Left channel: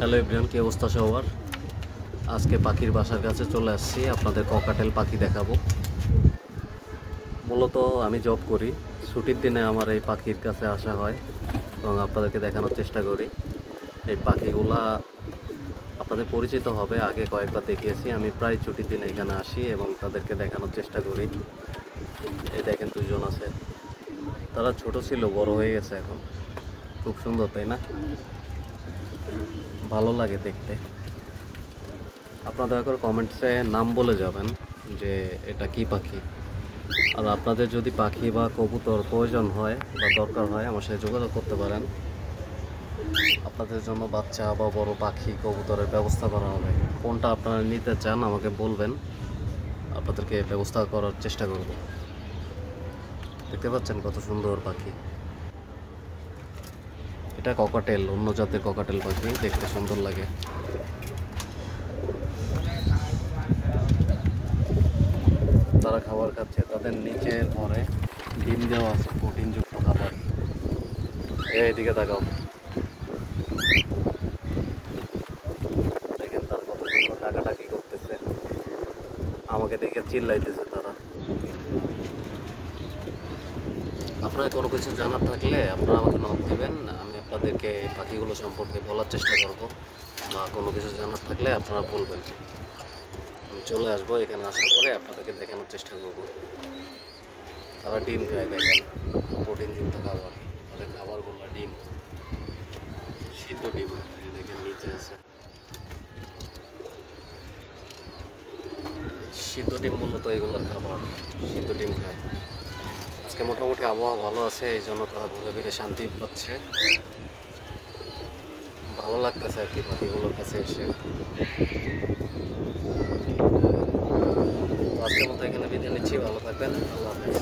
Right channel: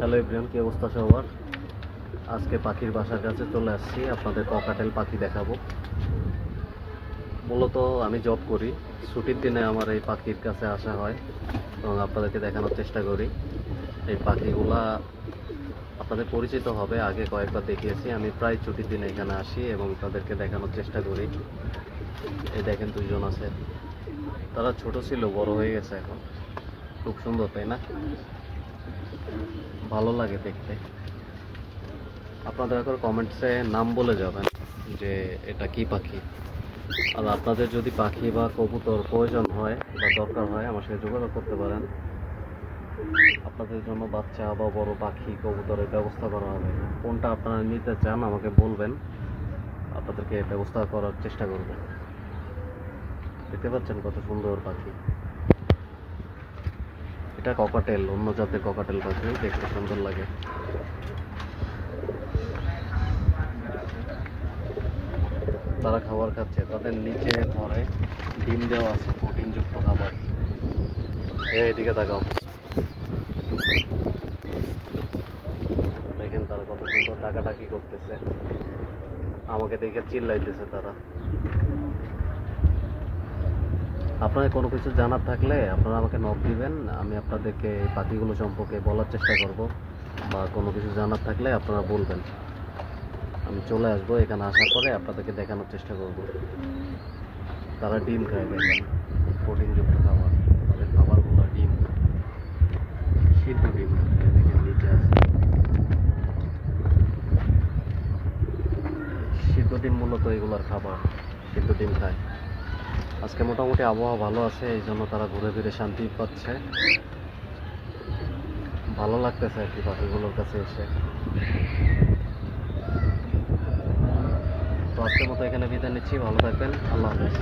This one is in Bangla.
হ্যালো এভরিওয়ান, কি অবস্থা সবার? আজকে পাখির বাসার কাছে চলে আসছি, আপনাদের ককাটেল পাখি দেখাবো। মূলত আমি জব করি, ছুটির দিনে আমার এই পাখির কাছে আসা হয় এবং আপনাদেরকে দেখানোর চেষ্টা করি। এই পাখিগুলা আপনাদের পরিচিত হবে, আগে কয়েকবার দেখিয়েছি। আমি প্রায় ছুটির দিনে এখানে আসি এবং তাদেরকে দেখানোর চেষ্টা করি। এই দেখেন দুজন আছে, তারা ছোট ছিল, বড় হয়ে গেছে এখন। খুব সুন্দর, তাই না? ভালো লাগে দেখতে। আপনারা দয়া করে কমেন্টসে নাম বলে যাবেন যে এটা কি পাখি। আর আপনাদের যদি পাখি বা কবুতর প্রয়োজন হয় বা দরকার হয়, আমার সাথে যোগাযোগ করতে পারেন। আপনাদের জন্য বাচ্চা বা বড় পাখি কবুতরের ব্যবস্থা করা হবে। কোনটা আপনারা নিতে চান আমাকে বলবেন, আপনাদেরকে ব্যবস্থা করার চেষ্টা করব। দেখতে পাচ্ছেন কত সুন্দর পাখি। এটা ককাটেল, অন্য জাতের ককাটেল পাখি, দেখতে সুন্দর লাগে। তারা খাবার খাচ্ছে, তাদের নিচে ঘরে ডিম দেওয়া আছে, প্রোটিনযুক্ত খাবার। এইদিকে তাকাও, দেখেন তারা কত সুন্দর ডাকাডাকি করতেছে, আমাকে দেখে চিল্লাইতেছে তারা। আপনারা কোনো কিছু জানার থাকলে আপনারা আমাকে নক দিবেন, আমি আপনাদেরকে এই পাখিগুলো সম্পর্কে বলার চেষ্টা করব। বা কোনো কিছু জানার থাকলে আপনারা বলবেন, আমি চলে আসবো। এখানে আসার পরে আপনাদেরকে দেখানোর চেষ্টা করব। তারা ডিম খায়, দেখেন প্রোটিনযুক্ত খাবার, তাদের খাবারগুলো ডিম, সিদ্ধ ডিম। দেখেন নিচে আছে সিদ্ধ ডিম, মূলত এগুলোর খাবার, সিদ্ধ ডিম খায়। আজকে মোটামুটি আবহাওয়া ভালো আছে, এই জন্য তারা ঘুরে ফিরে শান্তি পাচ্ছে, ভালো লাগতেছে আর কি পাখিগুলোর কাছে এসে। তো আজকের মতো এখানে বিদায় নিচ্ছি, ভালো থাকবেন, আল্লাহ হাফেজ।